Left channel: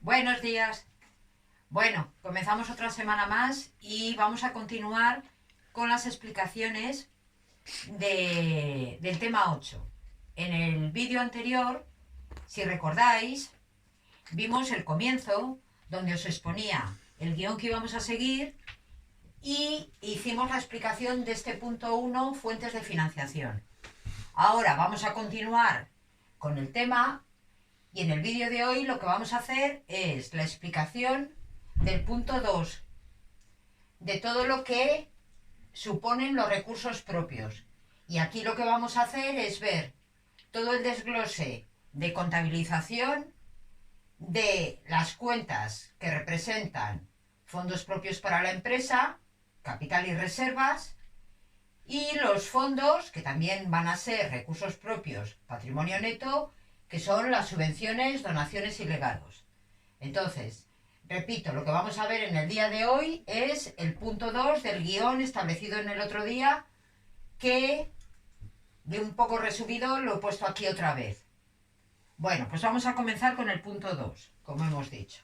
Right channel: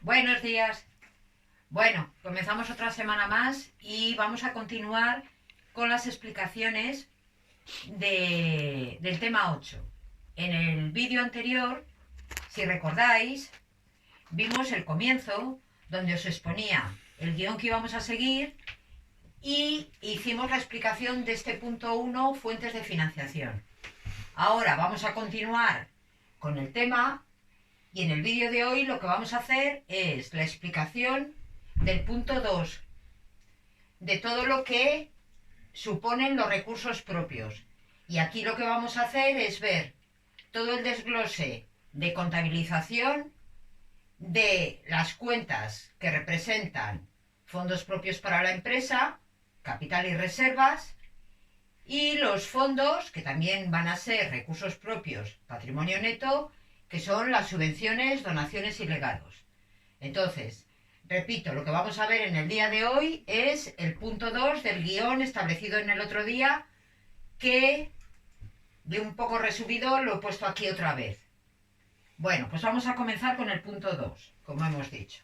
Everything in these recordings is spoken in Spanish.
Buenos días. Bueno, comenzamos otra semana más y vamos a continuar con las explicaciones del tema 8. En el vídeo anterior, si recordáis, vimos el comienzo donde os exponía el guión que íbamos a seguir y hicimos la explicación de este punto 1, fuentes de financiación. Ahora vamos a continuar con el tema. Y en el vídeo de hoy lo que vamos a hacer es la explicación del punto 2, de todo lo que suponen los recursos propios. Y aquí lo que vamos a hacer es ver todo el desglose de contabilización de las cuentas que representan fondos propios para la empresa, capital y reservas, y los fondos que también van a ser recursos propios, patrimonio neto, que son las subvenciones, donaciones y legados. Entonces, repito, lo que vamos a ver en el día de hoy es el punto 2 del guión establecido en el otro día, que de un poco resumido lo he puesto aquí otra vez. Bueno, pues vamos a comenzar con el punto 2, como hemos dicho.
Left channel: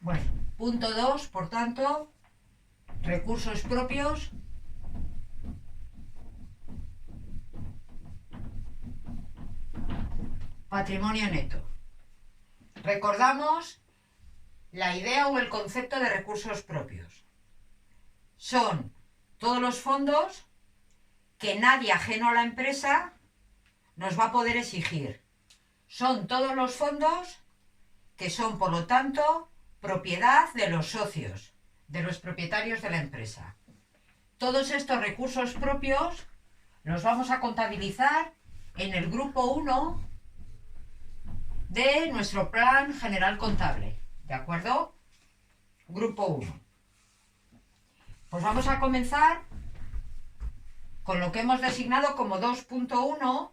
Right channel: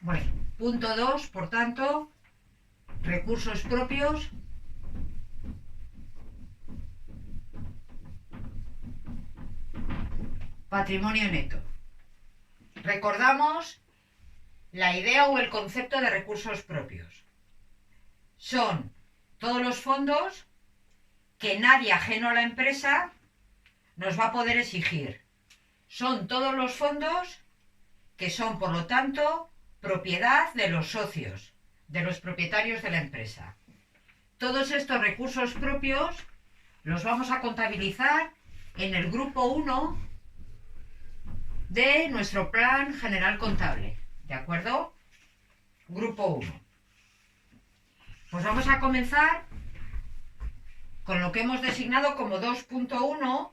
Bueno, punto 2, por tanto, recursos propios. Patrimonio neto. Recordamos la idea o el concepto de recursos propios. Son todos los fondos que nadie ajeno a la empresa nos va a poder exigir. Son todos los fondos que son, por lo tanto, propiedad de los socios, de los propietarios de la empresa. Todos estos recursos propios los vamos a contabilizar en el grupo 1 de nuestro plan general contable. ¿De acuerdo? Grupo 1. Pues vamos a comenzar con lo que hemos designado como 2.1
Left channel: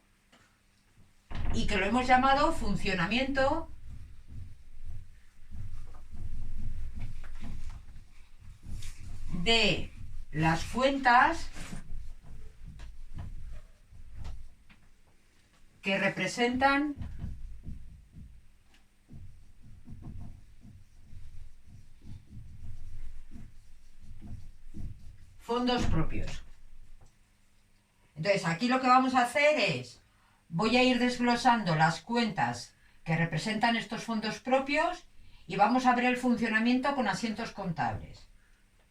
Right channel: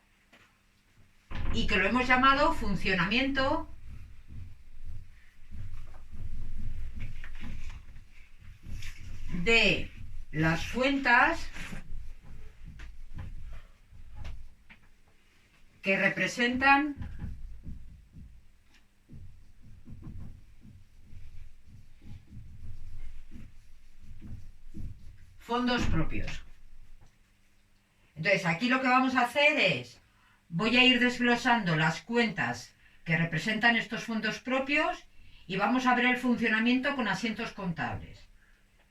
y que lo hemos llamado funcionamiento de las cuentas que representan fondos propios. Entonces, aquí lo que vamos a hacer es, voy a ir desglosando las cuentas que representan estos fondos propios y vamos a ver el funcionamiento con asientos contables.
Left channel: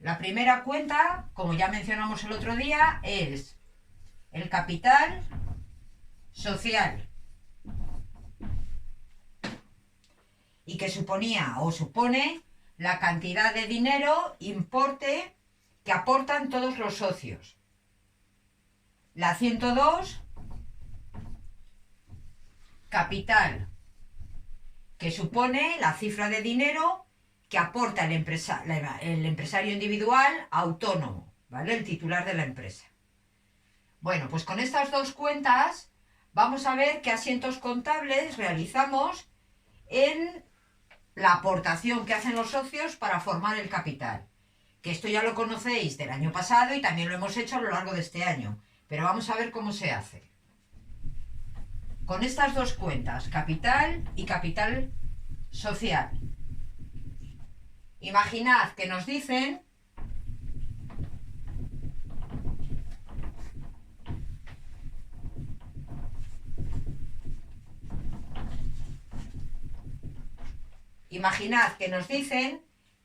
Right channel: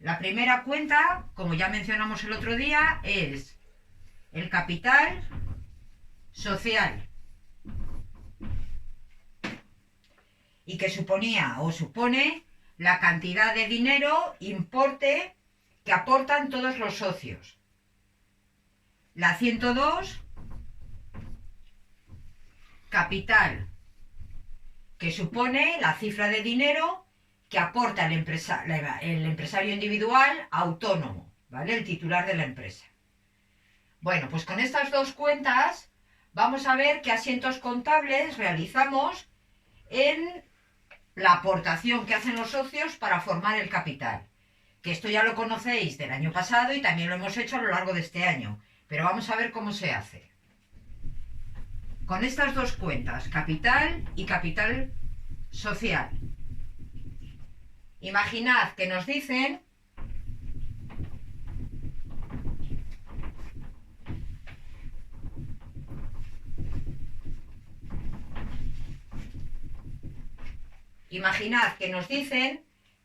La primera cuenta, como ya mencionamos el otro día, es el capital social y que suponía o supone la cantidad de dinero, importe, que aportan todos los socios. La 102, capital, que supone la cifra de dinero que aporta el empresario individual autónomo, ¿vale? El titular de la empresa. Bueno, pues con estas dos cuentas vamos a ver qué asientos contables realizamos en la aportación que hacen los socios para formar el capital. Que esto ya lo conocéis del año pasado y también lo hemos hecho a lo largo de este año. Pero vamos a ver cómo se hace. Con estas dos cuentas, capital y capital social. Imaginad que nos dicen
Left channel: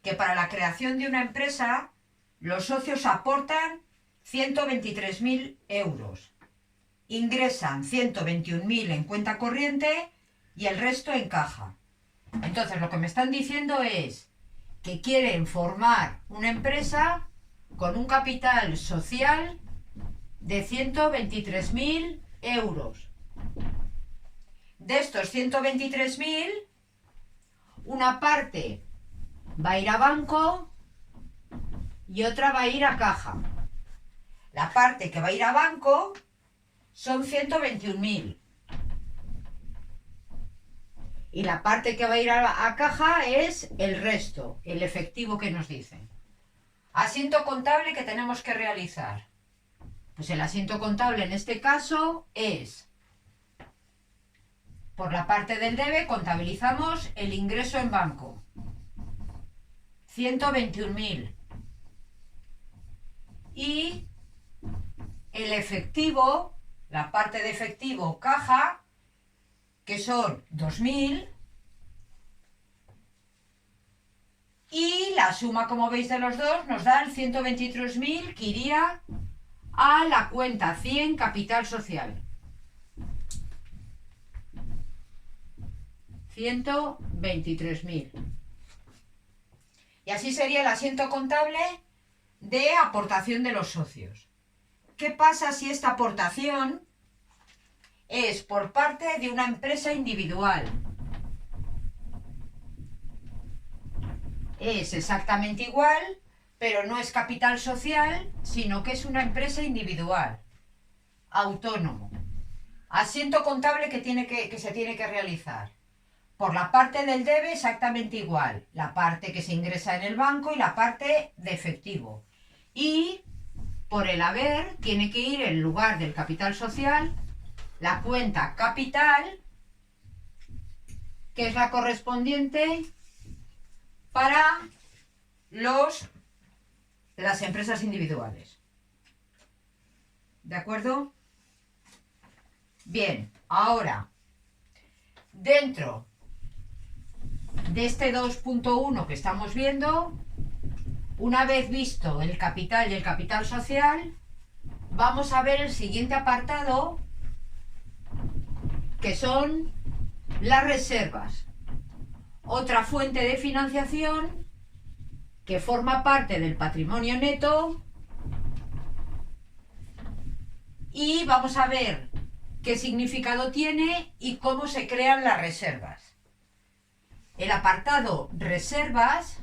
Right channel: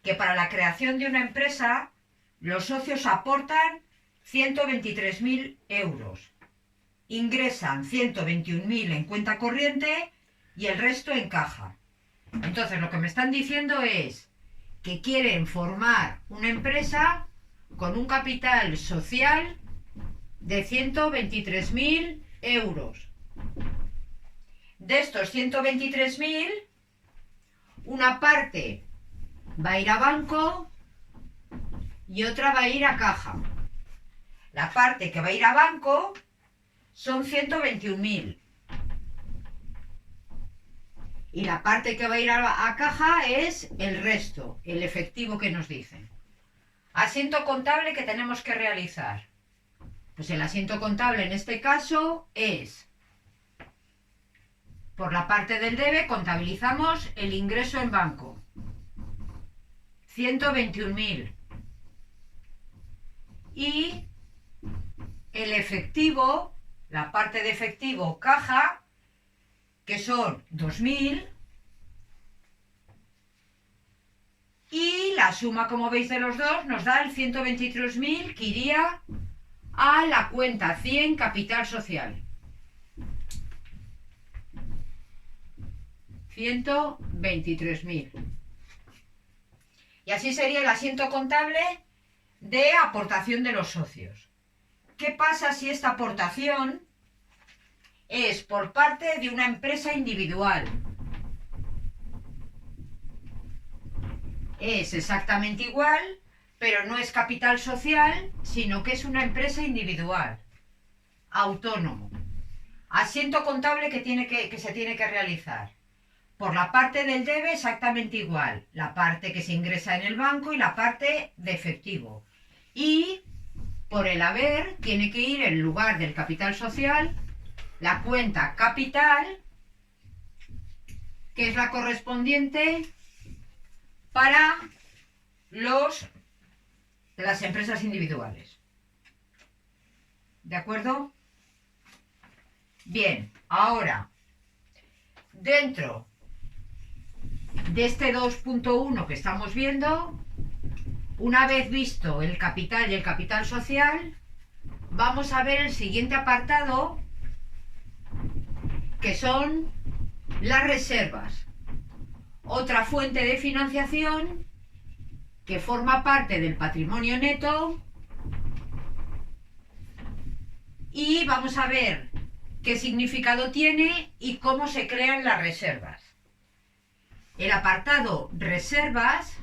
que para la creación de una empresa los socios aportan 123.000 euros. Ingresan 121.000 en cuenta corriente y el resto en caja. Entonces lo que me están diciendo es que quieren formar una empresa con un capital social de 123.000 euros. De estos 123.000, una parte va a ir a banco y otra va a ir a caja. La parte que va a ir a banco son 121.000. Y la parte que va a ir a caja es el resto, el efectivo que nos dicen. Asiento contable que tenemos que realizar. Pues el asiento contable en este caso es, por la parte del debe, contabilizamos el ingreso en banco. 121.000. Y el efectivo, la parte de efectivo caja, que son 2.000, y la suma, como veis, de los dos nos da el 123.000 que iría a la cuenta 100 capital social. 123.000. Y así sería el asiento contable de aportación de los socios. ¿Qué pasa si esta aportación es por parte de una empresa individual? Es exactamente igual, pero no es capital social, sino que es una empresa individual, autónomo. Asiento contable que se tiene que realizar. Por la parte del debe exactamente igual, la parte que se ingresa en el banco y la parte de efectivo. Y por el haber tiene que ir en lugar del capital social la cuenta capital, que es la correspondiente para las empresas individuales. ¿De acuerdo? Bien, ahora, dentro de este 2.1 que estamos viendo, una vez visto el capital y el capital social, vamos a ver el siguiente apartado, que son las reservas. Otra fuente de financiación que forma parte del patrimonio neto, y vamos a ver qué significado tiene y cómo se crean las reservas. El apartado reservas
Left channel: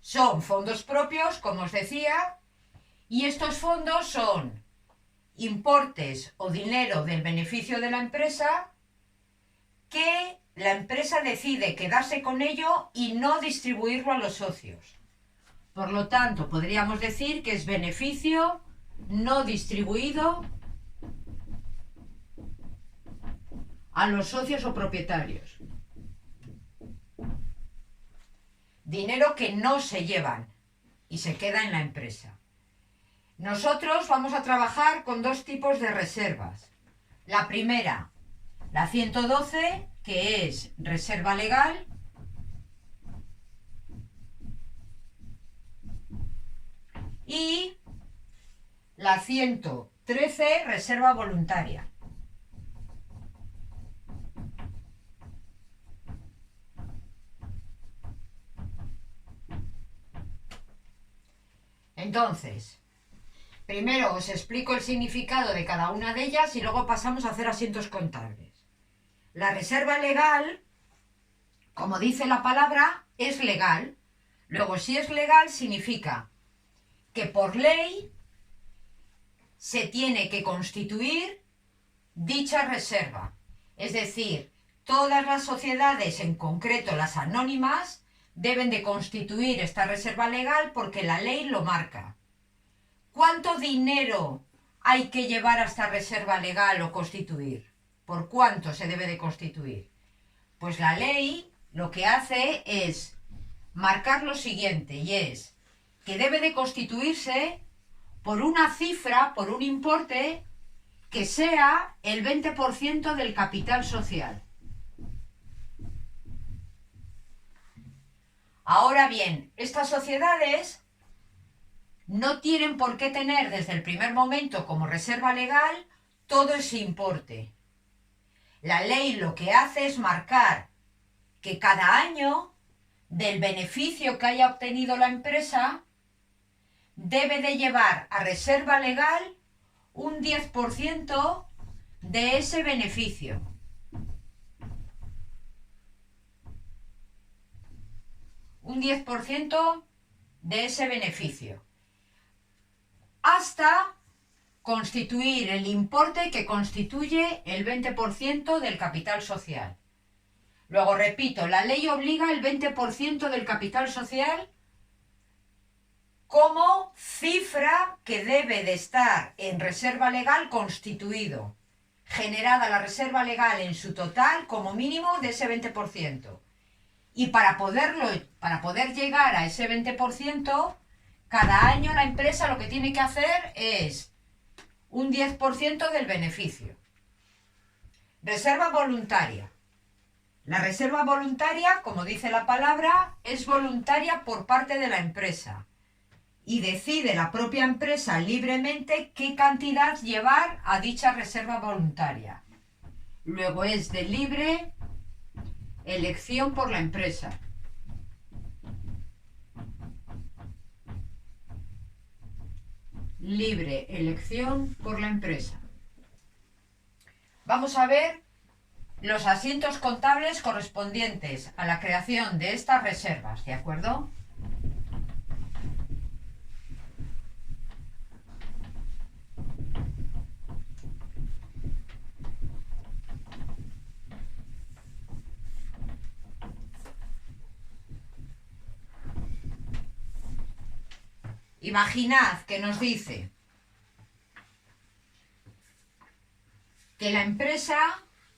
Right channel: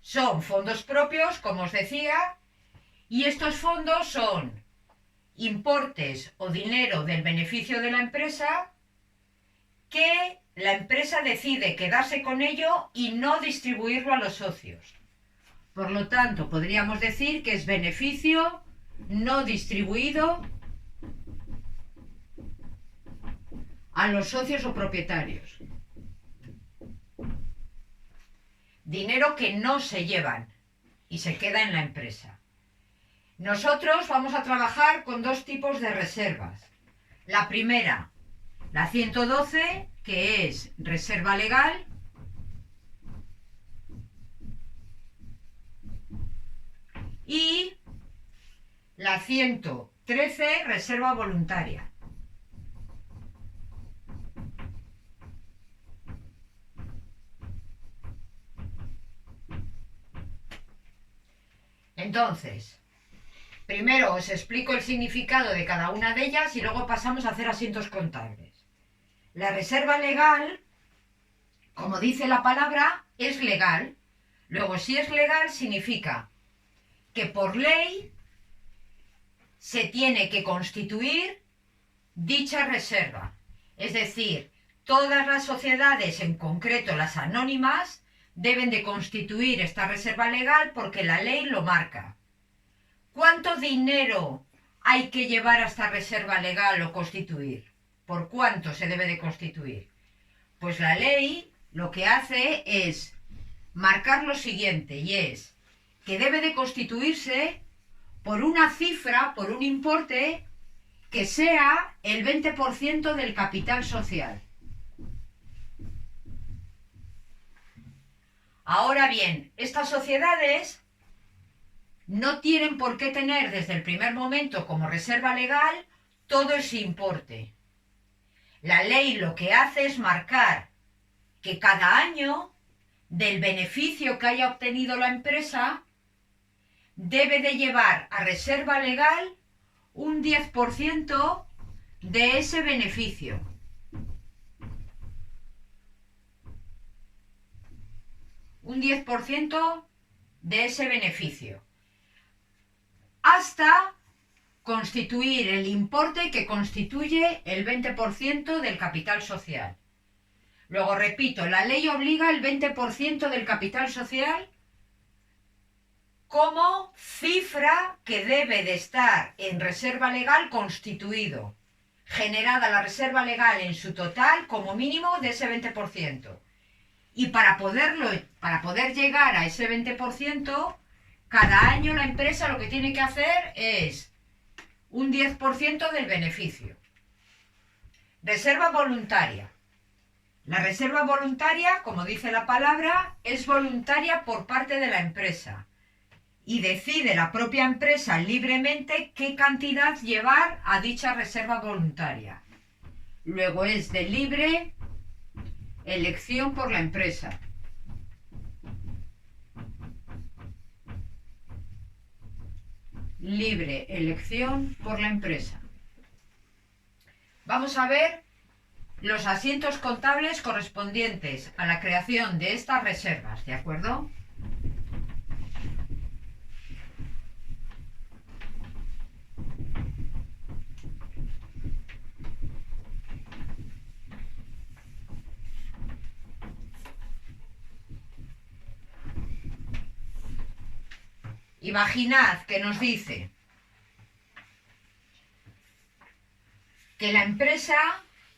son fondos propios, como os decía, y estos fondos son importes o dinero del beneficio de la empresa que la empresa decide quedarse con ello y no distribuirlo a los socios. Por lo tanto, podríamos decir que es beneficio no distribuido a los socios o propietarios. Dinero que no se llevan y se queda en la empresa. Nosotros vamos a trabajar con dos tipos de reservas. La primera, la 112, que es reserva legal, y la 113, reserva voluntaria. Entonces, primero os explico el significado de cada una de ellas y luego pasamos a hacer asientos contables. La reserva legal, como dice la palabra, es legal. Luego, si es legal, significa que por ley se tiene que constituir dicha reserva. Es decir, todas las sociedades, en concreto las anónimas, deben de constituir esta reserva legal porque la ley lo marca. ¿Cuánto dinero hay que llevar a esta reserva legal o constituir? ¿Por cuánto se debe de constituir? Pues la ley lo que hace es marcar lo siguiente, y es que debe de constituirse por una cifra, por un importe que sea el 20% del capital social. Ahora bien, estas sociedades no tienen por qué tener desde el primer momento como reserva legal todo ese importe. La ley lo que hace es marcar que cada año del beneficio que haya obtenido la empresa debe de llevar a reserva legal un 10% de ese beneficio. un 10% de ese beneficio, hasta constituir el importe que constituye el 20% del capital social. Luego repito, la ley obliga el 20% del capital social como cifra que debe de estar en reserva legal constituido, generada la reserva legal en su total como mínimo de ese 20%. Y para poder llegar a ese 20%, cada año la empresa lo que tiene que hacer es un 10% del beneficio. Reserva voluntaria. La reserva voluntaria, como dice la palabra, es voluntaria por parte de la empresa y decide la propia empresa libremente qué cantidad llevar a dicha reserva voluntaria. Luego es de libre elección por la empresa. Libre elección por la empresa. Vamos a ver los asientos contables correspondientes a la creación de estas reservas, ¿de acuerdo? Imaginad que nos dice que la empresa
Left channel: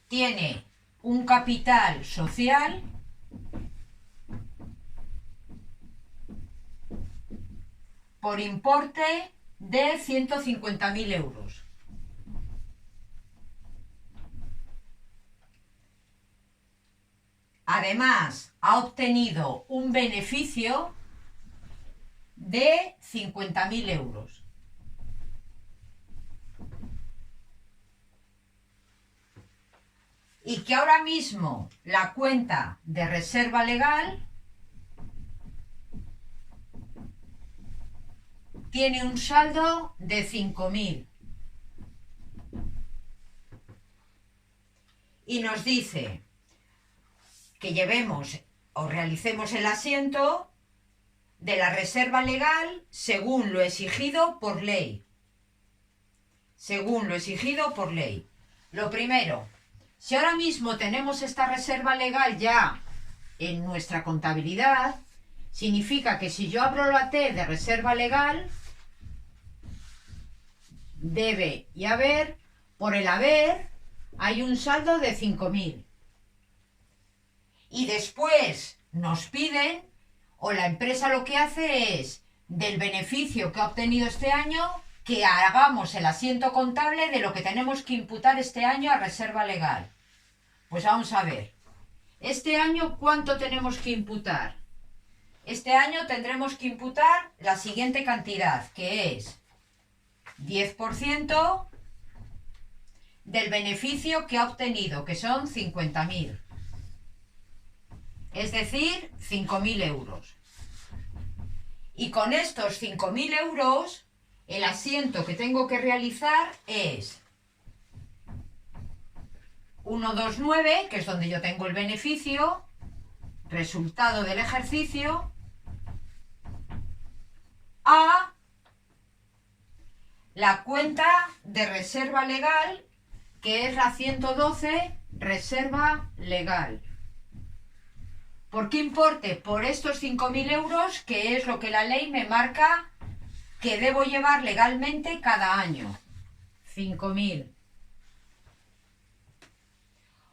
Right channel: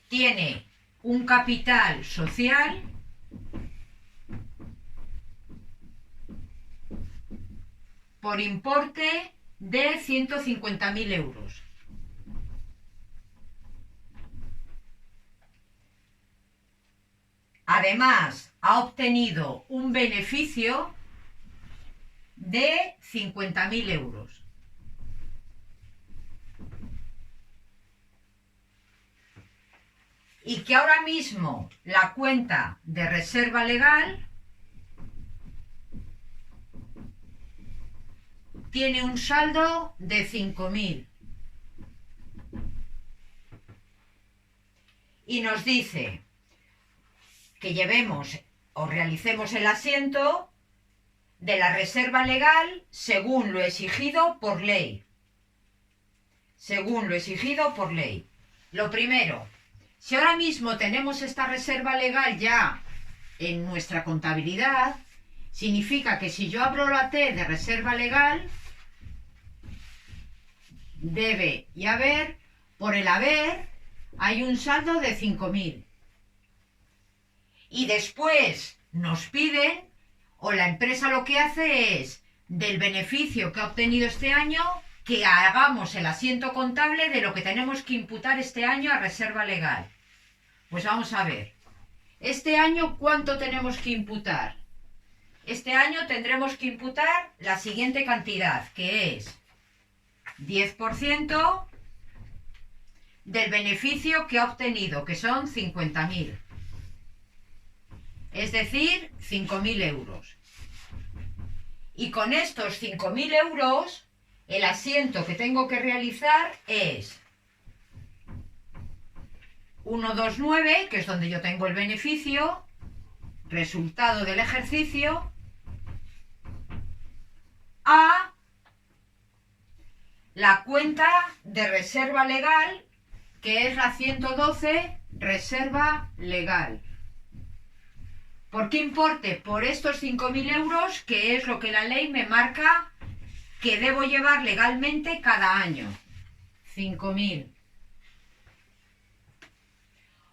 tiene un capital social por importe de 150.000 euros. Además, ha obtenido un beneficio de 50.000 euros. Y que ahora mismo la cuenta de reserva legal tiene un saldo de 5.000. Y nos dice que llevemos o realicemos el asiento de la reserva legal según lo exigido por ley. Según lo exigido por ley. Lo primero, si ahora mismo tenemos esta reserva legal ya en nuestra contabilidad, significa que si yo abro la T de reserva legal, debe y haber, por el haber, hay un saldo de 5.000. Y después nos piden, o la empresa lo que hace es, del beneficio que ha obtenido este año, que hagamos el asiento contable de lo que tenemos que imputar este año a reserva legal. Pues vamos a ver. Este año, ¿cuánto tenemos que imputar? Este año tendremos que imputar la siguiente cantidad, que es 10% del beneficio que ha obtenido, que son 50.000. Es decir, 5.000 euros. Y con estos 5.000 euros, el asiento que tengo que realizar es 129, que es donde yo tengo el beneficio, resultado del ejercicio, a la cuenta de reserva legal, que es la 112, reserva legal. ¿Por qué importe? Por estos 5.000 euros, que es lo que la ley me marca que debo llevar legalmente cada año. 5.000.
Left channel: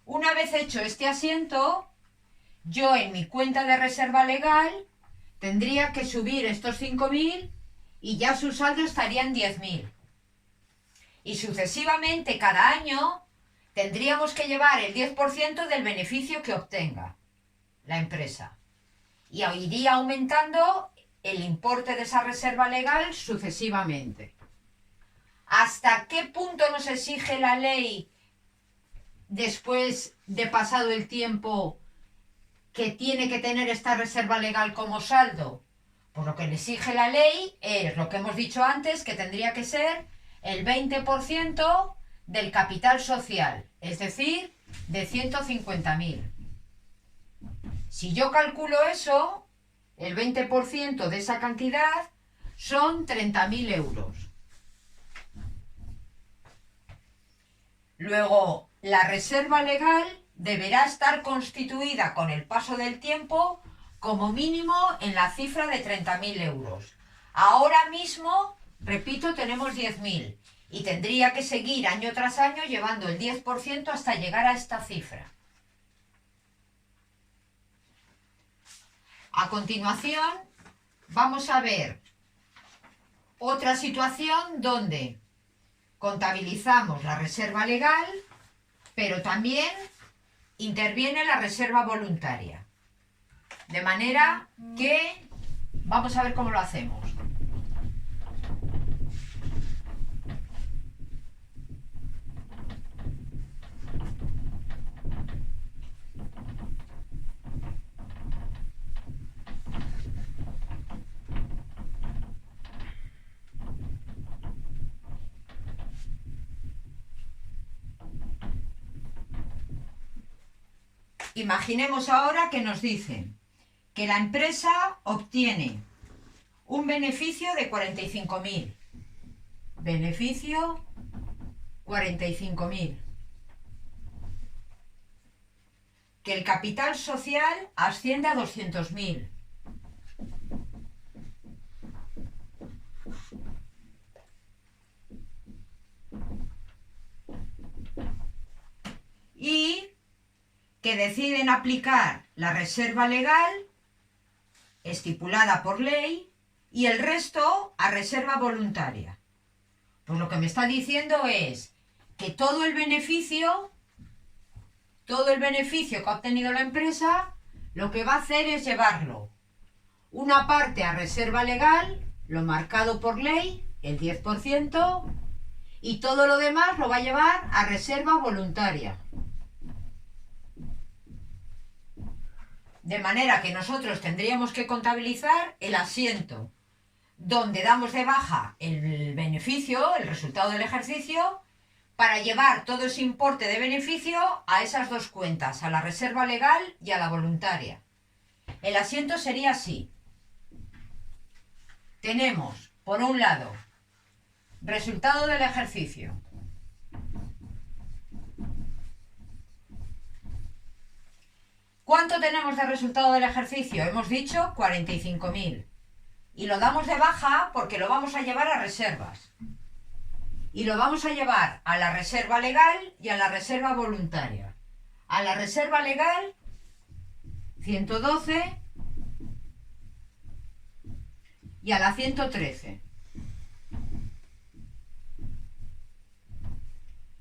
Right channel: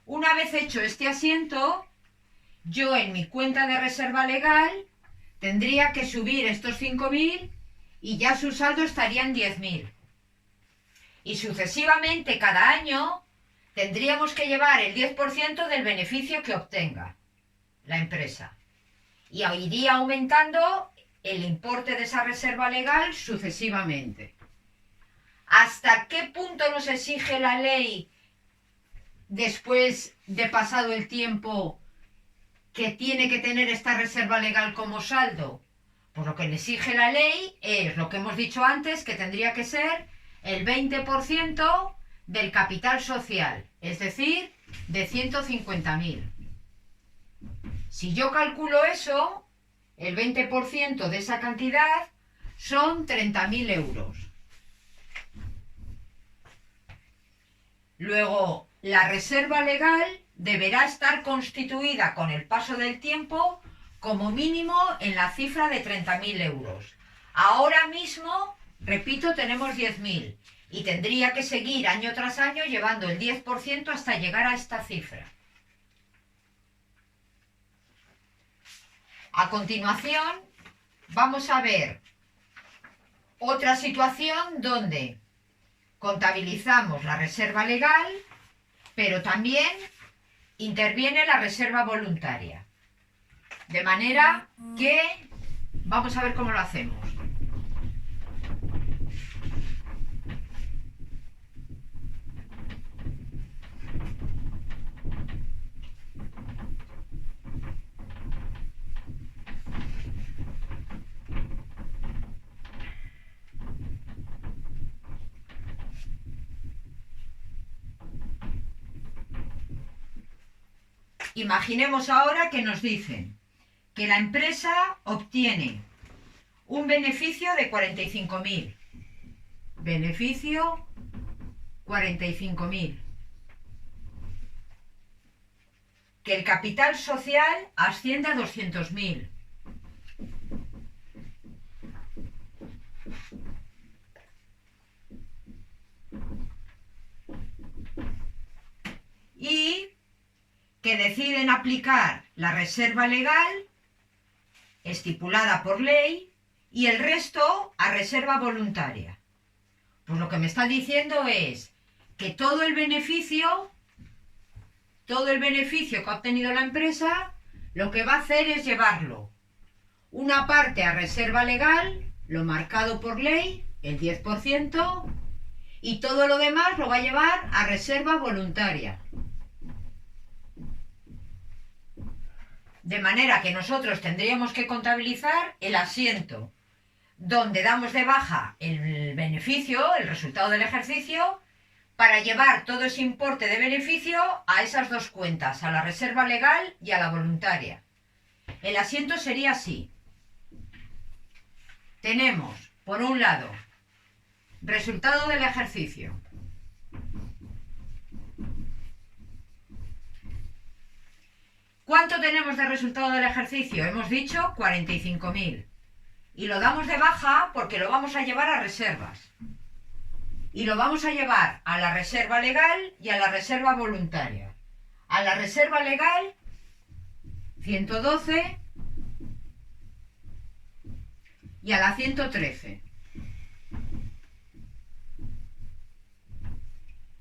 Una vez hecho este asiento, yo en mi cuenta de reserva legal tendría que subir estos 5.000 y ya su saldo estaría en 10.000. Y sucesivamente cada año tendríamos que llevar el 10% del beneficio que obtenga la empresa. Y iría aumentando el importe de esa reserva legal sucesivamente. ¿Hasta qué punto nos exige la ley, después de pasado el tiempo, que tiene que tener esta reserva legal como saldo? Pues lo que le exige la ley es lo que hemos dicho antes, que tendría que ser el 20% del capital social, es decir, de 150.000. Si yo calculo eso, el 20% de esa cantidad son 30.000 euros. Luego, la reserva legal deberá estar constituida con el paso del tiempo como mínimo en la cifra de 30.000 euros. Ahora mismo, repito, tenemos 10.000 y tendría que seguir año tras año llevando el 10% hasta llegar a esta cifra. A continuación, vamos a ver otra situación donde contabilizamos la reserva legal, pero también interviene la reserva voluntaria. De manera que vamos a ver cómo lo hacemos. Imaginemos ahora que nos dicen que la empresa obtiene un beneficio de 45.000. Beneficio 45.000. Que el capital social asciende a 200.000. Y que deciden aplicar la reserva legal estipulada por ley y el resto a reserva voluntaria. Pues lo que me está diciendo es que todo el beneficio que ha obtenido la empresa, lo que va a hacer es llevarlo una parte a reserva legal, lo marcado por ley, el 10%, y todo lo demás lo va a llevar a reserva voluntaria. De manera que nosotros tendríamos que contabilizar el asiento donde damos de baja el beneficio, el resultado del ejercicio, para llevar todo ese importe de beneficio a esas dos cuentas, a la reserva legal y a la voluntaria. El asiento sería así. Tenemos, por un lado, resultado del ejercicio. ¿Cuánto tenemos de resultado del ejercicio? Hemos dicho 45.000. Y lo damos de baja porque lo vamos a llevar a reservas. Y lo vamos a llevar a la reserva legal y a la reserva voluntaria. A la reserva legal, 112, y a la 113.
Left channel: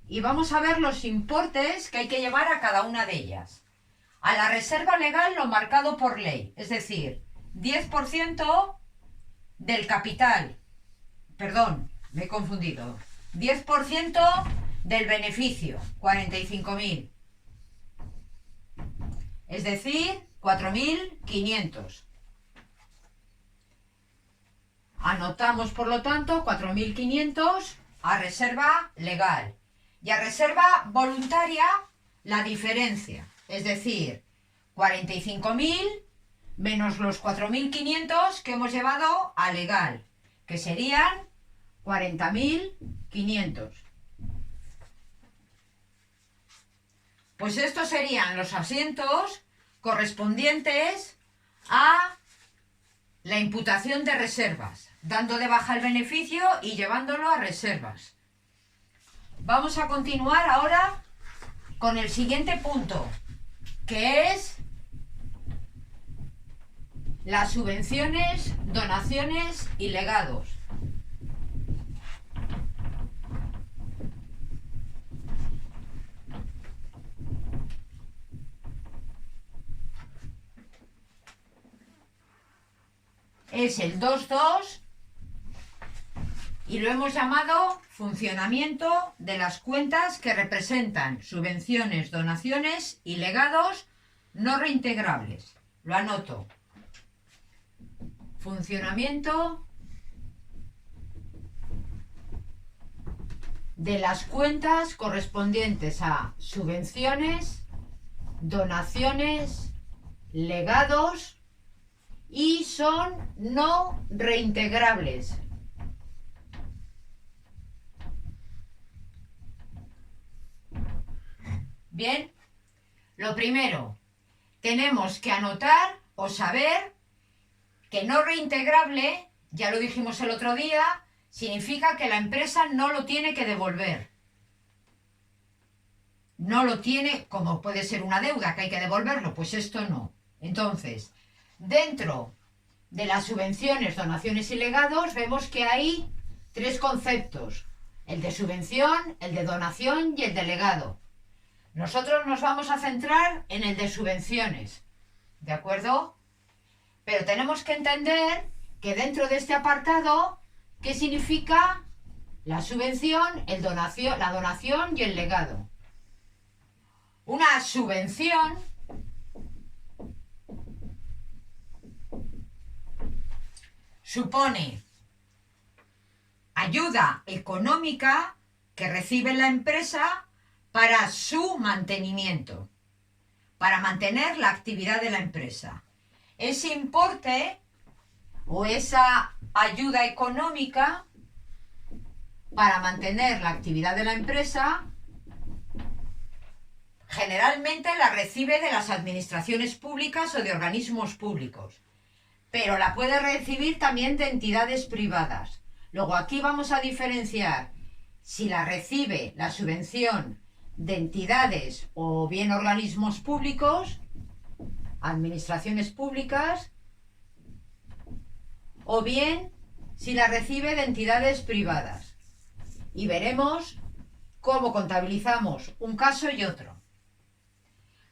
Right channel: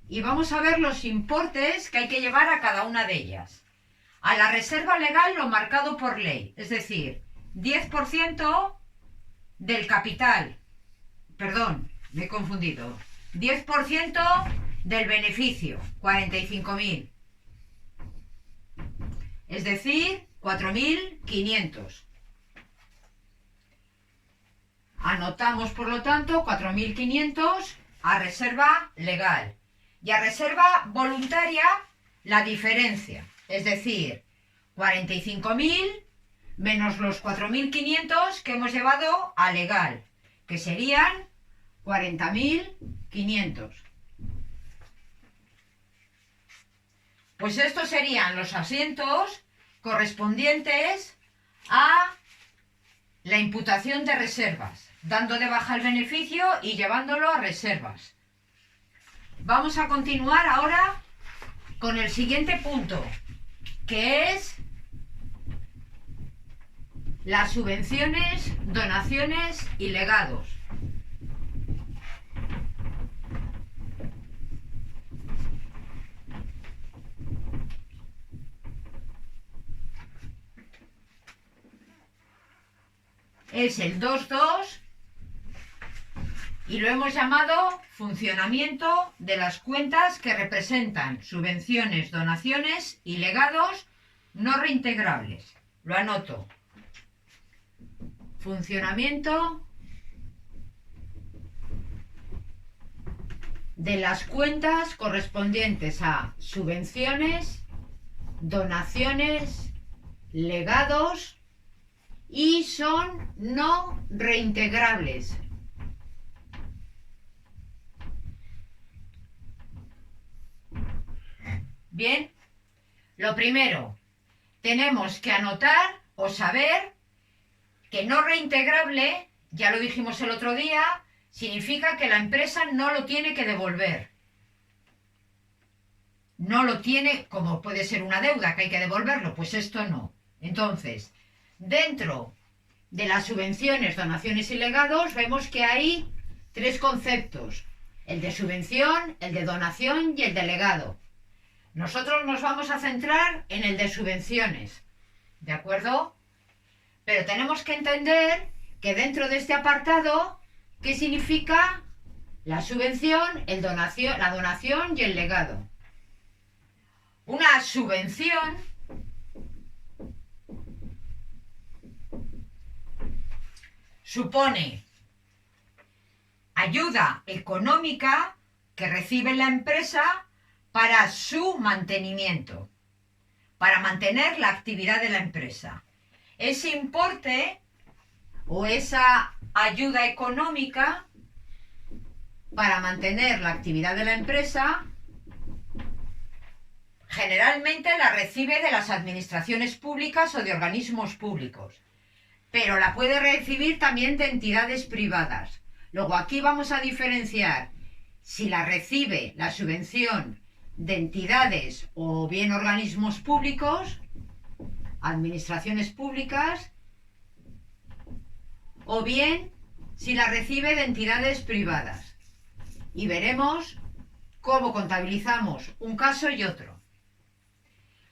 Y vamos a ver los importes que hay que llevar a cada una de ellas. A la reserva legal lo marcado por ley, es decir, 10% del capital. Perdón, me he confundido. 10% del beneficio, 45.000. Es decir, 4.500. Anotamos, por lo tanto, 4.500 a reserva legal. Y a reserva voluntaria, la diferencia. Es decir, 45.000 menos los 4.500 que hemos llevado a legal, que serían 40.500. Pues estos serían los asientos correspondientes a la imputación de reservas, dando de baja el beneficio y llevándolo a reservas. Vamos a continuar ahora con el siguiente punto, que es las subvenciones, donaciones y legados. Es el 2.2 y lo hemos llamado funcionamiento de las cuentas que representan subvenciones, donaciones y legados no reintegrables. Lo anoto. Funcionamiento de las cuentas correspondientes a subvenciones, donaciones, legados y son no reintegrables. Bien, lo primero, tenemos que anotar o saber que no reintegrable, ya lo dijimos el otro día, significa que la empresa no lo tiene que devolver. No lo tiene, como puede ser una deuda que hay que devolverlo, pues esto no. Entonces, dentro de las subvenciones, donaciones y legados, vemos que hay tres conceptos: el de subvención, el de donación y el de legado. Nosotros nos vamos a centrar en el de subvenciones, ¿de acuerdo? Pero tenemos que entender que dentro de este apartado, ¿qué significa la subvención, la donación y el legado? Una subvención supone ayuda económica que recibe la empresa para su mantenimiento, para mantener la actividad de la empresa. Ese importe o esa ayuda económica para mantener la actividad de la empresa generalmente la recibe de las administraciones públicas o de organismos públicos, pero la puede recibir también de entidades privadas. Luego aquí vamos a diferenciar si la recibe la subvención de entidades o bien organismos públicos, administraciones públicas, o bien si la recibe de entidades privadas. Y veremos cómo contabilizamos un caso y otro.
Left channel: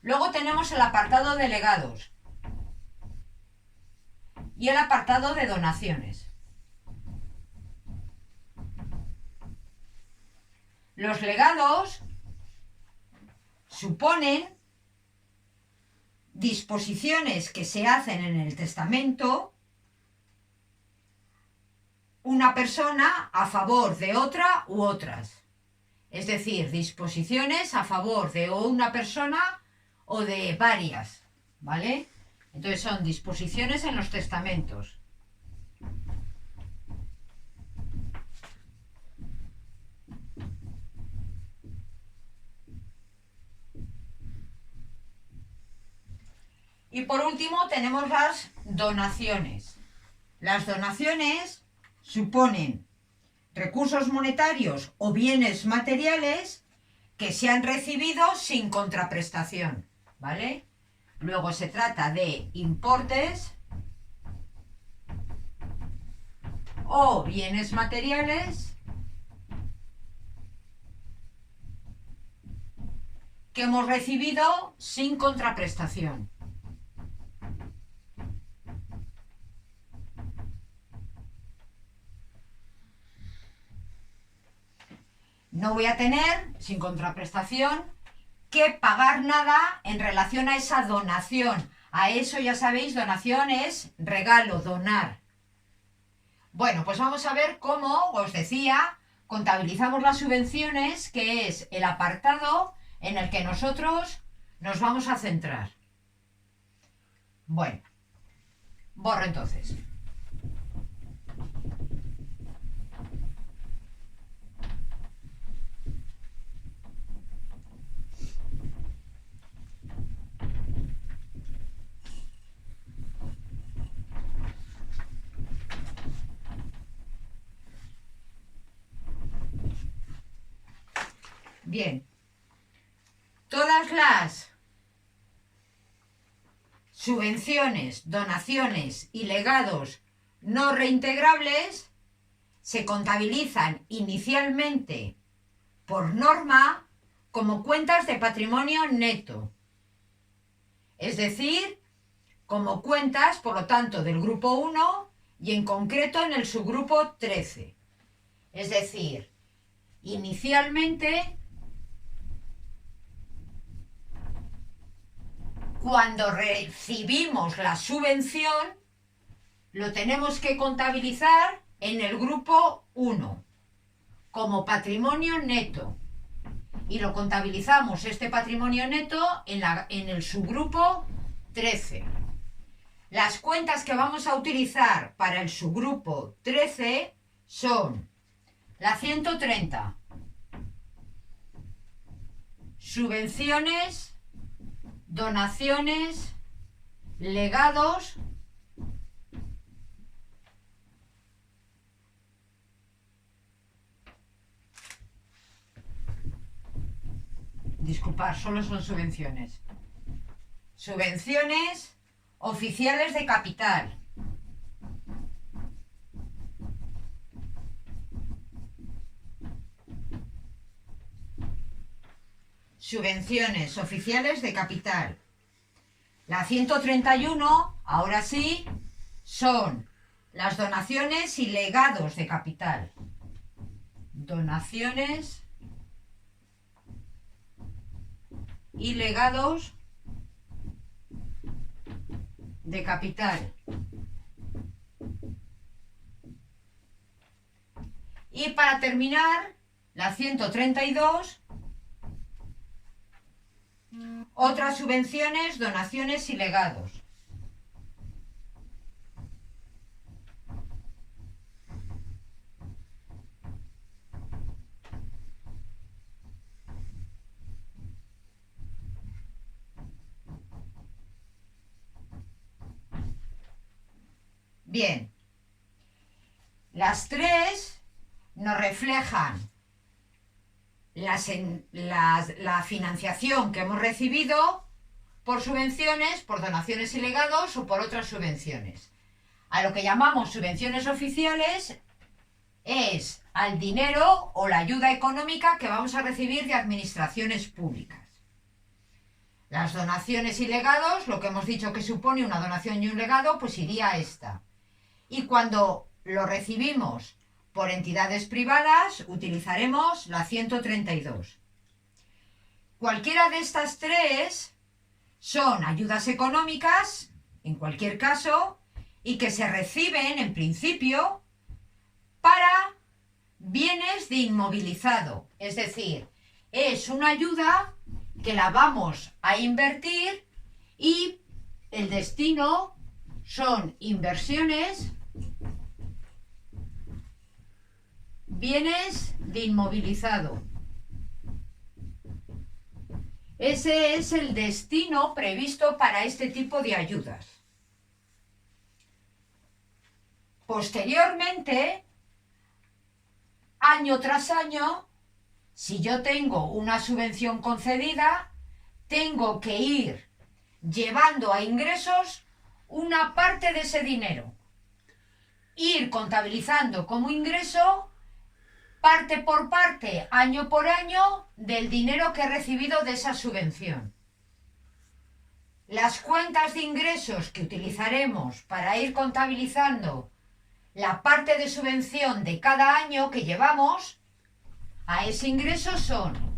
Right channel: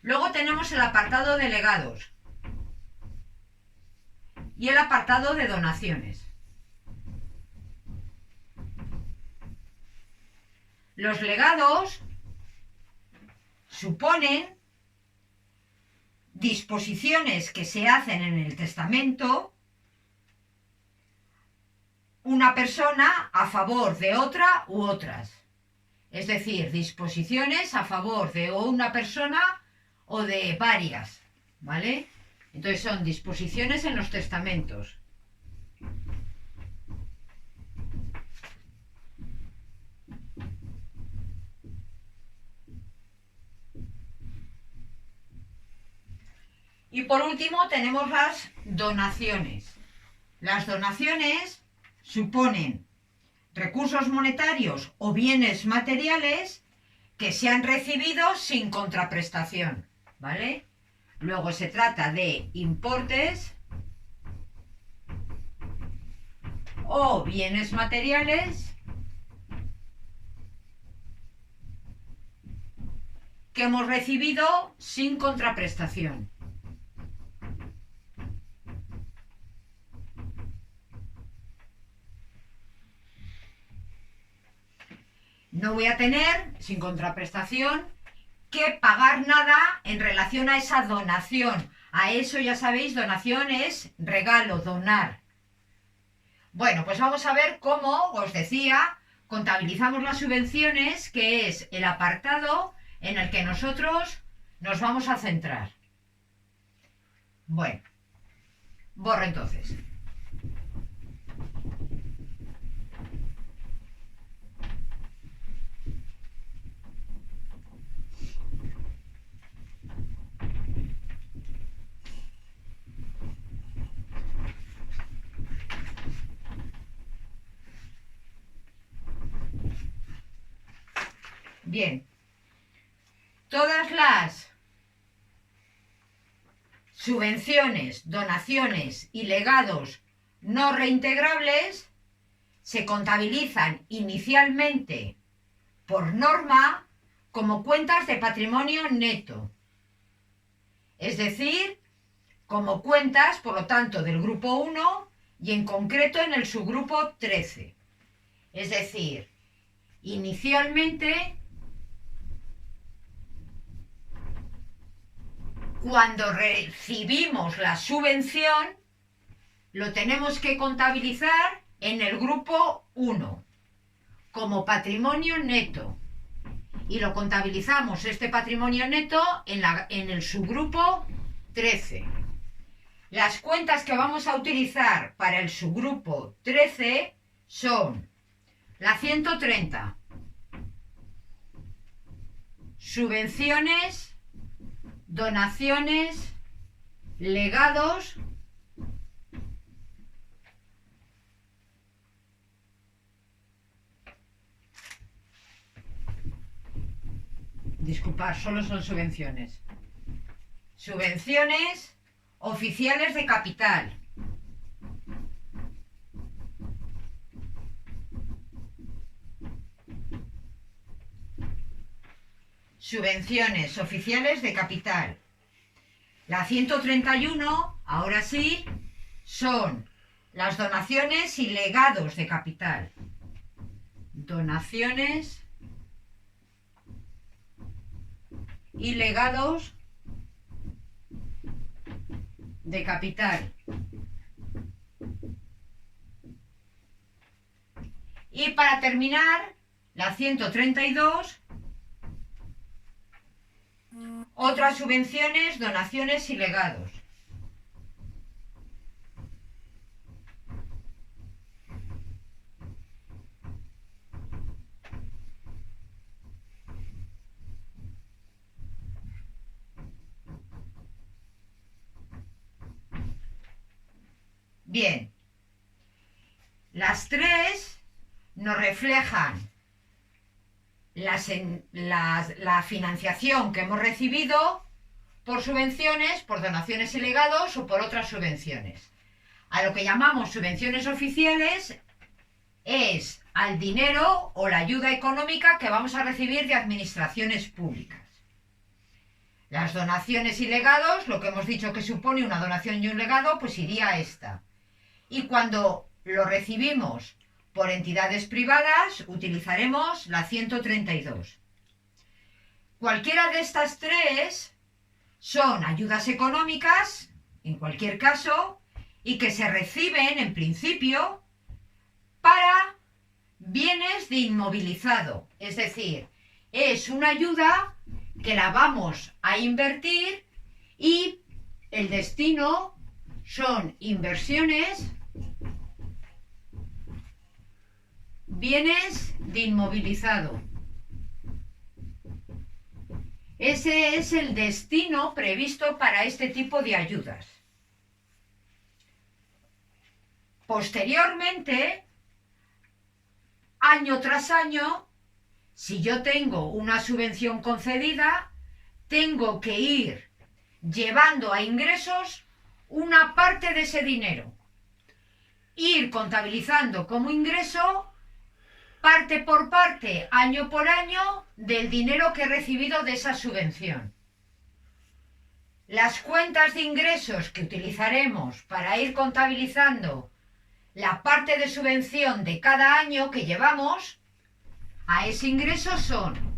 Luego tenemos el apartado de legados y el apartado de donaciones. Los legados suponen disposiciones que se hacen en el testamento una persona a favor de otra u otras. Es decir, disposiciones a favor de una persona o de varias, ¿vale? Entonces son disposiciones en los testamentos. Y por último tenemos las donaciones. Las donaciones suponen recursos monetarios o bienes materiales que se han recibido sin contraprestación, ¿vale? Luego se trata de importes o bienes materiales que hemos recibido sin contraprestación. No voy a tener, sin contraprestación, que pagar nada en relación a esa donación. A eso ya sabéis, donación es regalo, donar. Bueno, pues vamos a ver cómo, os decía, contabilizamos las subvenciones, que es el apartado en el que nosotros nos vamos a centrar. Bueno, borro entonces. Bien, todas las subvenciones, donaciones y legados no reintegrables se contabilizan inicialmente por norma como cuentas de patrimonio neto, es decir, como cuentas, por lo tanto, del grupo 1 y en concreto en el subgrupo 13. Es decir, inicialmente, cuando recibimos la subvención, lo tenemos que contabilizar en el grupo 1 como patrimonio neto. Y lo contabilizamos este patrimonio neto en el subgrupo 13. Las cuentas que vamos a utilizar para el subgrupo 13 son la 130, subvenciones, donaciones, legados, disculpad, solo son subvenciones. Subvenciones oficiales de capital. Subvenciones oficiales de capital. La 131, ahora sí, son las donaciones y legados de capital. Donaciones y legados de capital. Y para terminar, la 132, otras subvenciones, donaciones y legados. Bien, las tres nos reflejan la financiación que hemos recibido por subvenciones, por donaciones y legados o por otras subvenciones. A lo que llamamos subvenciones oficiales es al dinero o la ayuda económica que vamos a recibir de administraciones públicas. Las donaciones y legados, lo que hemos dicho que supone una donación y un legado, pues iría a esta. Y cuando lo recibimos por entidades privadas, utilizaremos la 132. Cualquiera de estas tres son ayudas económicas, en cualquier caso, y que se reciben, en principio, para bienes de inmovilizado. Es decir, es una ayuda que la vamos a invertir y el destino son inversiones, bienes de inmovilizado. Ese es el destino previsto para este tipo de ayudas. Posteriormente, año tras año, si yo tengo una subvención concedida, tengo que ir llevando a ingresos una parte de ese dinero. Ir contabilizando como ingreso parte por parte, año por año, del dinero que he recibido de esa subvención. Las cuentas de ingresos que utilizaremos para ir contabilizando la parte de subvención de cada año que llevamos a ese ingreso son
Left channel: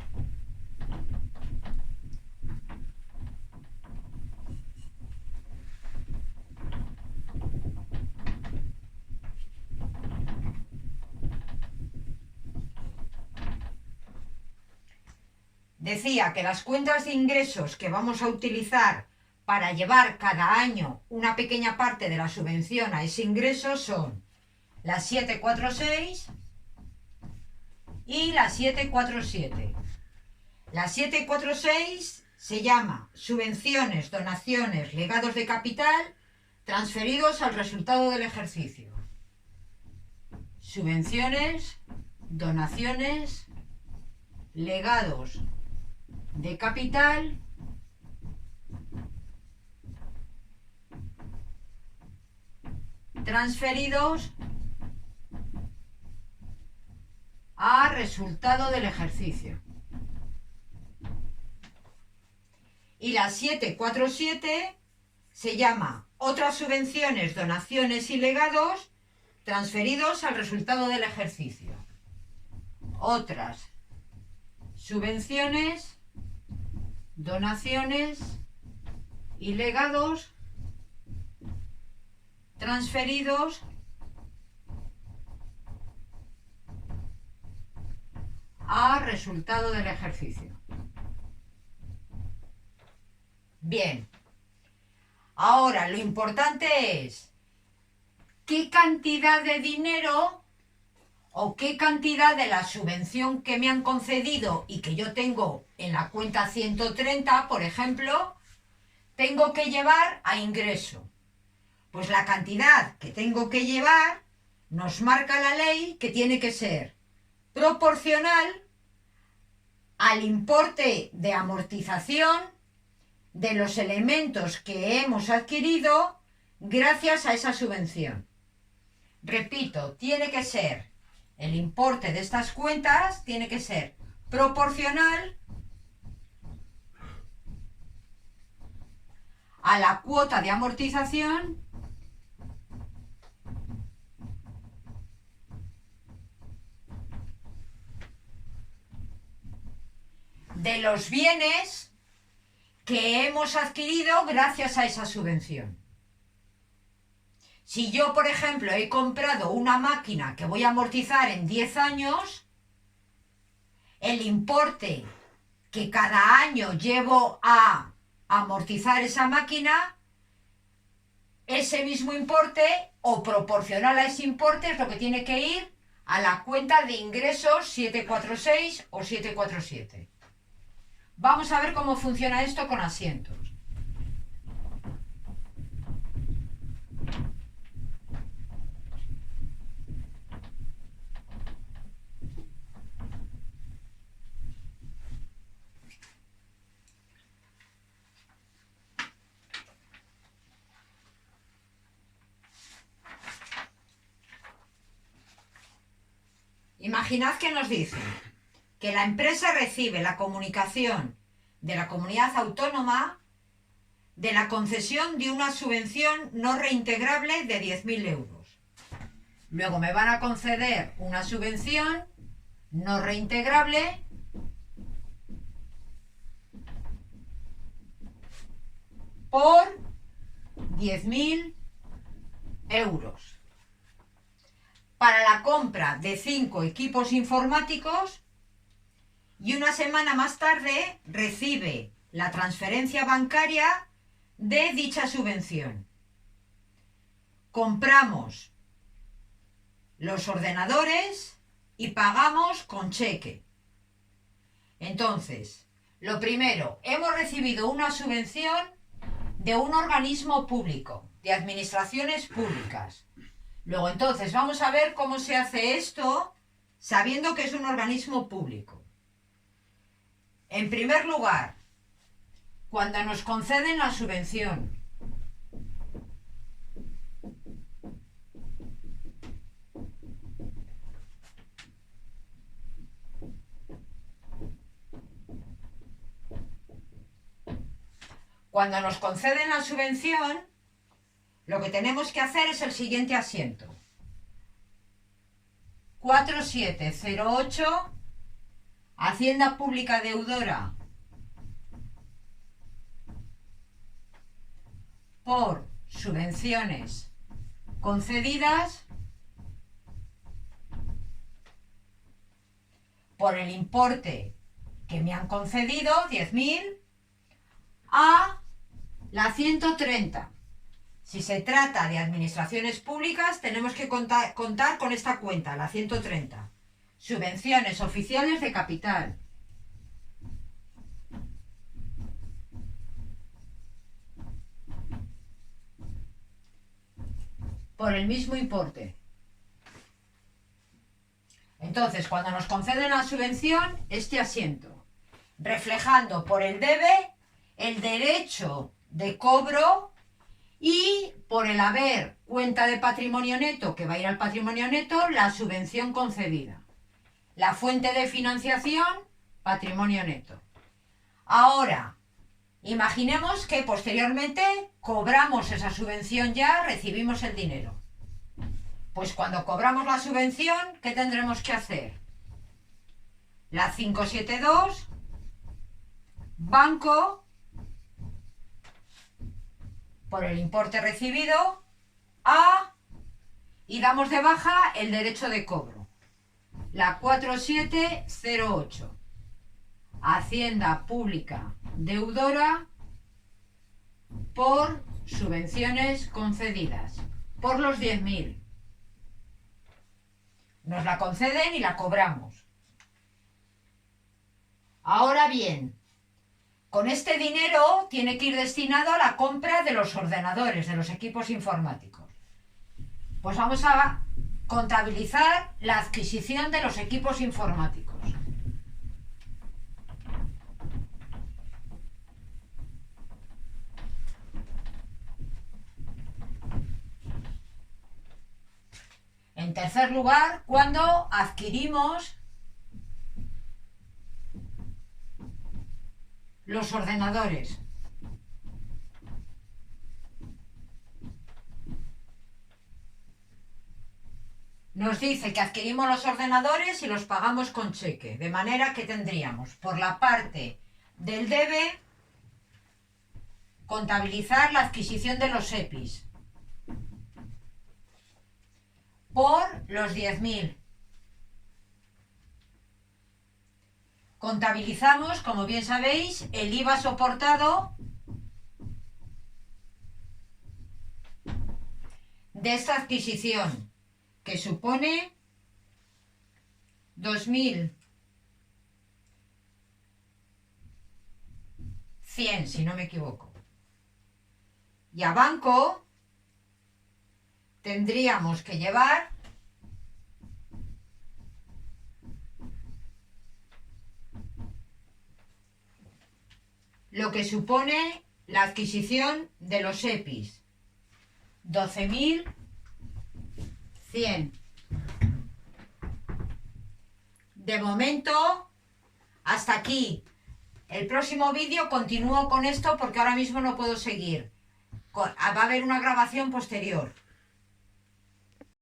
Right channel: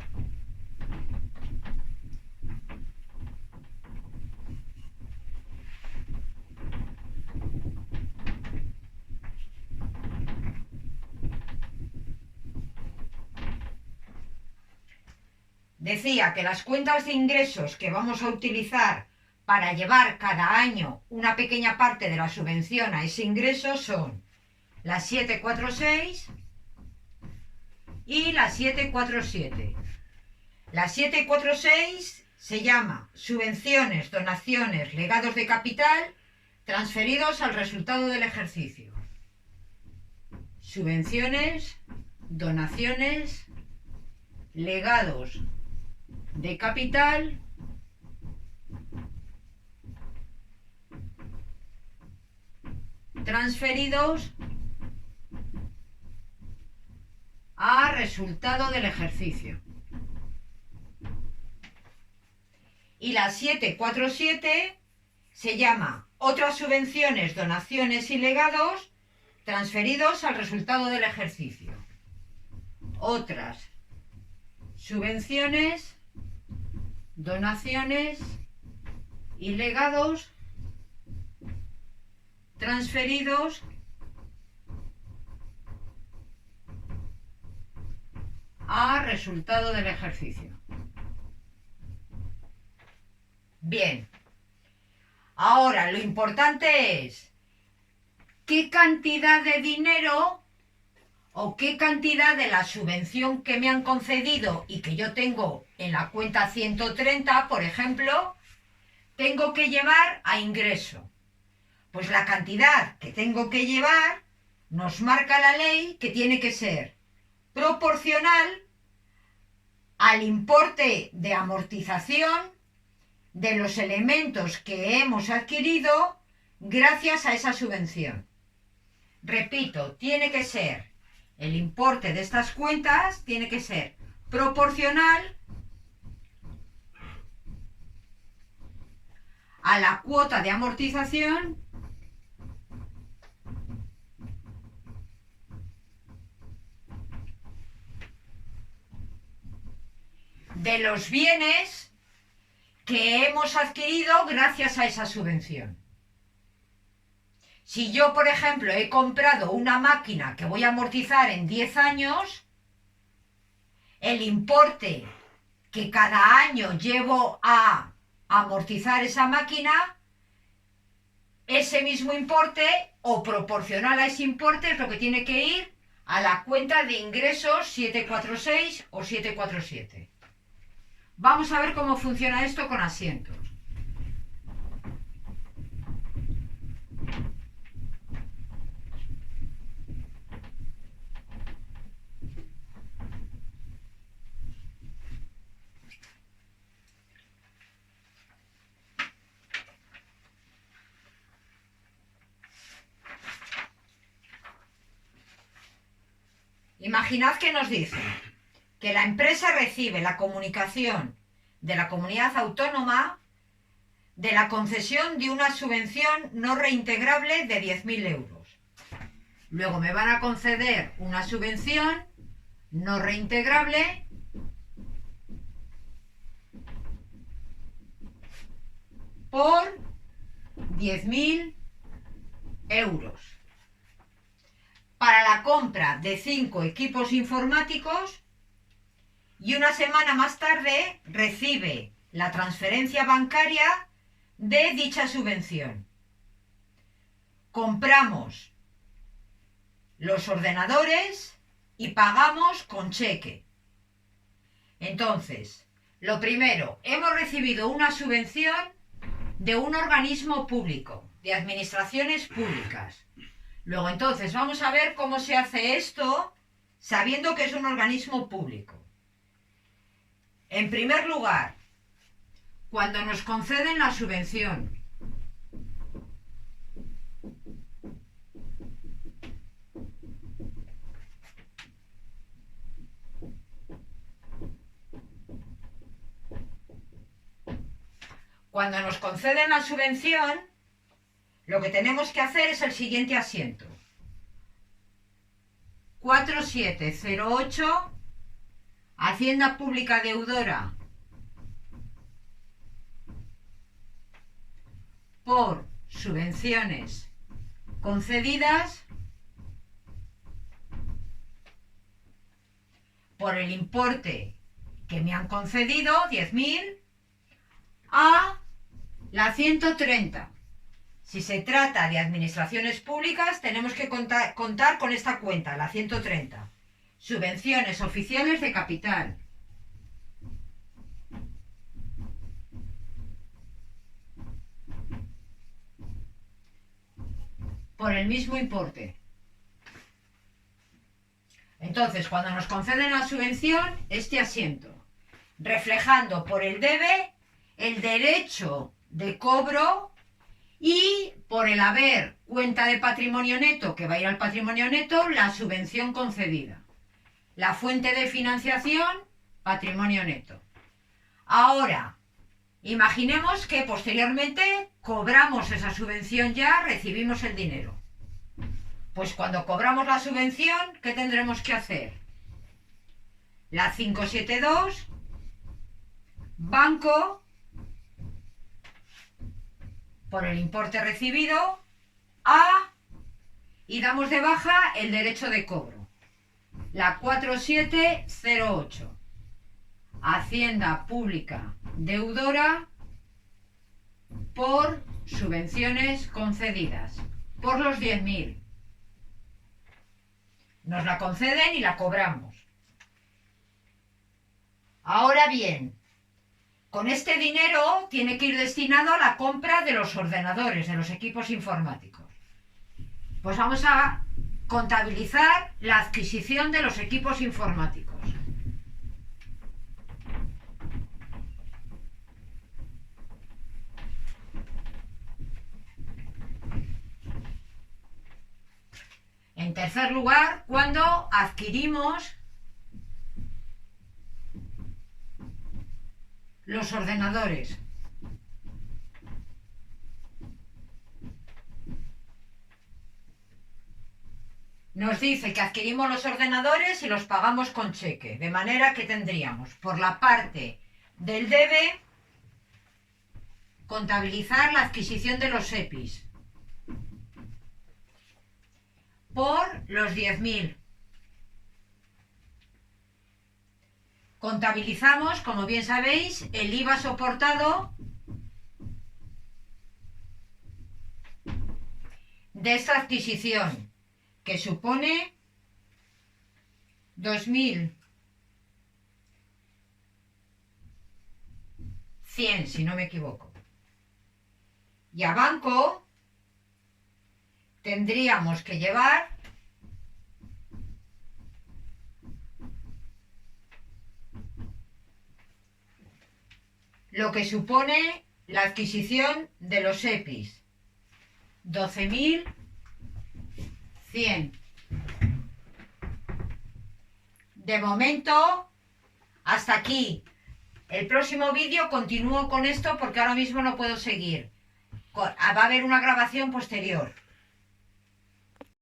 decía que las cuentas de ingresos que vamos a utilizar para llevar cada año una pequeña parte de la subvención a ese ingreso son la 746 y la 747. La 746 se llama subvenciones, donaciones, legados de capital transferidos al resultado del ejercicio. Subvenciones, donaciones, legados de capital transferidos a resultado del ejercicio. Y la 747 se llama otras subvenciones, donaciones y legados transferidos al resultado del ejercicio. Otras subvenciones, donaciones y legados transferidos a resultado del ejercicio. Bien, Ahora, lo importante es qué cantidad de dinero o qué cantidad de la subvención que me han concedido y que yo tengo en la cuenta 130, por ejemplo, tengo que llevar a ingreso. Pues la cantidad que tengo que llevar nos marca la ley que tiene que ser proporcional al importe de amortización de los elementos que hemos adquirido gracias a esa subvención. Repito, tiene que ser el importe de estas cuentas, tiene que ser proporcional a la cuota de amortización de los bienes que hemos adquirido gracias a esa subvención. Si yo, por ejemplo, he comprado una máquina que voy a amortizar en 10 años, el importe que cada año llevo a amortizar esa máquina, ese mismo importe o proporcional a ese importe es lo que tiene que ir a la cuenta de ingresos 746 o 747. Vamos a ver cómo funciona esto con asientos. Imaginad que nos dice que la empresa recibe la comunicación de la comunidad autónoma de la concesión de una subvención no reintegrable de 10.000 euros. Luego me van a conceder una subvención no reintegrable por 10.000 euros para la compra de 5 equipos informáticos, y una semana más tarde recibe la transferencia bancaria de dicha subvención. Compramos los ordenadores y pagamos con cheque. Entonces, lo primero, hemos recibido una subvención de un organismo público, de administraciones públicas. Luego, entonces, vamos a ver cómo se hace esto sabiendo que es un organismo público. En primer lugar, cuando nos conceden la subvención, lo que tenemos que hacer es el siguiente asiento. 4708, Hacienda Pública Deudora por subvenciones concedidas por el importe que me han concedido, 10.000, a la 130. Si se trata de administraciones públicas, tenemos que contar con esta cuenta, la 130. Subvenciones oficiales de capital. Por el mismo importe. Entonces, cuando nos conceden la subvención, este asiento, reflejando por el debe el derecho de cobro y por el haber cuenta de patrimonio neto, que va a ir al patrimonio neto, la subvención concedida. La fuente de financiación, patrimonio neto. Ahora, imaginemos que posteriormente cobramos esa subvención ya, recibimos el dinero. Pues cuando cobramos la subvención, ¿qué tendremos que hacer? La 572, banco, por el importe recibido, y damos de baja el derecho de cobro. La 4708, Hacienda Pública Deudora por subvenciones concedidas por los 10.000. Nos la conceden y la cobramos. Ahora bien, con este dinero tiene que ir destinado a la compra de los ordenadores, de los equipos informáticos. Pues vamos a contabilizar la adquisición de los equipos informáticos. En tercer lugar, cuando adquirimos los ordenadores. Nos dice que adquirimos los ordenadores y los pagamos con cheque, de manera que tendríamos por la parte del debe contabilizar la adquisición de los EPIs por los 10.000. Contabilizamos, como bien sabéis, el IVA soportado de esta adquisición, que supone 2.100, si no me equivoco. Y a banco tendríamos que llevar lo que supone la adquisición de los EPIs, 12.100. De momento, hasta aquí. El próximo vídeo continúo con esto porque ahora mismo no puedo seguir. Va a haber una grabación posterior.